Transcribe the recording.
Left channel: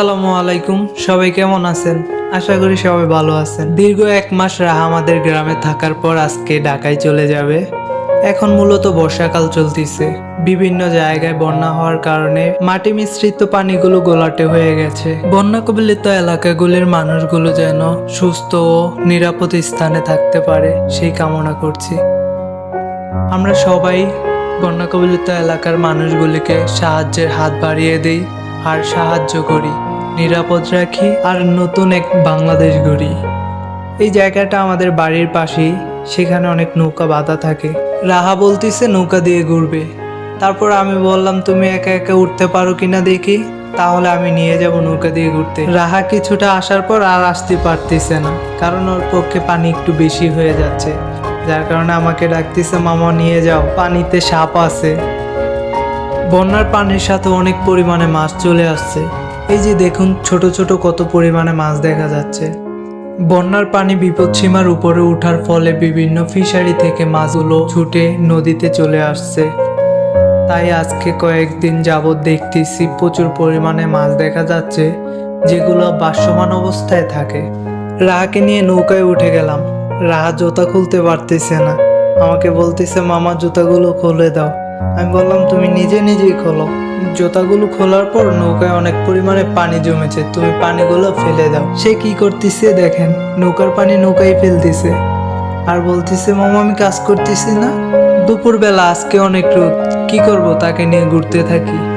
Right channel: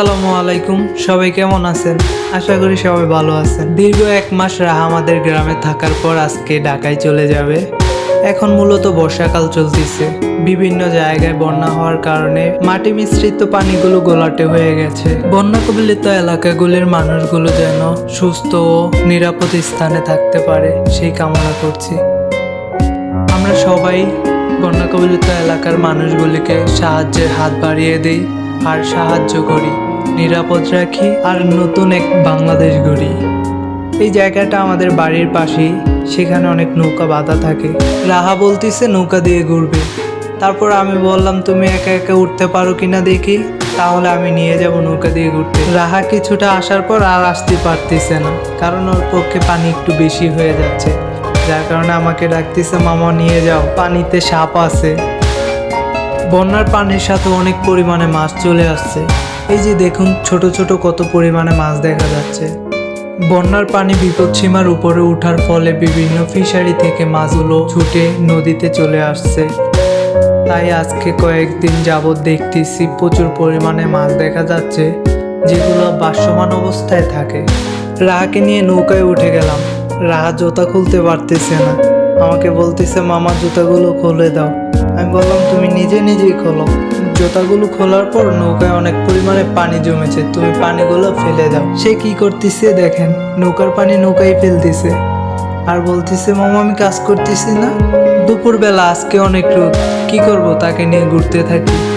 আসসালামু আলাইকুম। সবাই কেমন আছেন? আশা করি সবাই ভালো আছেন। দীর্ঘ এক মাস রাহা আমাদের গ্রামে থাকার পর আজকে ঢাকায় চলে যাবে। এখন মূলত বর্ষাকাল চলতেছে। বিভিন্ন জায়গায় বন্যা হওয়ার কারণে মাটি মিশ্রিত পানিগুলো গোলাটে হয়ে গেছে। বন্যা কবলিত এলাকাগুলির মানুষগুলো যেন সুস্থ ও নিরাপদ স্থানে থাকতে পারে সেই কামনা করছি। আমরা সবাই বন্যা কবলিত এলাকার মানুষগুলিকে সাহায্যের হাত বাড়িয়ে দিই আর সাহায্য করি। নিরাপদ রাখি আর নতুন এক বাংলাদেশ গড়ি। এই জায়গাটা আমাদের বাড়ির পাশেই, সেখানে অনেক নৌকা বাঁধা থাকে। রাহা বলতিছে, নৌকা দিয়ে ঘুরবে। তারপর আমি বললাম, তুমি একা একা উঠতে পারো কিনা দেখি? তাহলে আমি নিয়ে যাব নৌকা দিয়ে ঘুরতে। রাহা কিছুটা আসার পর আর আসতে পারতেছে না, কারণ ওর পক্ষে পানি একটু বেশি হয়ে যাচ্ছে। যার কারণে আমাকে ডাকতেছে, মামা, নিয়ে যাও, পানিতে সাপ আছে। বন্যার পানির সাথে অনেক পরিমাণে মাছ চলে আসছে। এই যে দেখুন, ছোট ছোট কত পরিমাণে মাছ দেখা যাচ্ছে। বন্যার পানি বিপদসীমার উপরে ওঠার ফলে বিভিন্ন ফিশারি থেকে মাছগুলো ছুটে নদীতে চলে আসছে। তাই আজকে কয়েকদিন যাবৎ দেখতেছি প্রচুর পরিমাণে মাছ দেখা যাচ্ছে, যেগুলো বাসমান অবস্থায় থাকে। রাহাকে নিয়ে নৌকায় উঠে গেলাম। রাহা জোতা খুলতে পারতেছে না। আমাকে বলতেছে, মামা, জুতাগুলো খুলে দাও। আমি বললাম, তুমি নিজে নিজেই খোলো। জুতাগুলো খোলার পর নৌকায় অনেক পরিমাণে পানি জমেছে। তুমি পানিগুলো ফেলে দাও। সে কি করতেছে দেখেন, নৌকার পানি নৌকায় ফেলতেছে। আর বলতেছে, মামা, আমি কাজ করতেছি না। দুপুরবেলা আজকে অনেক রোদ। কি করব তাকে নিয়ে ঘুরতে থাকি।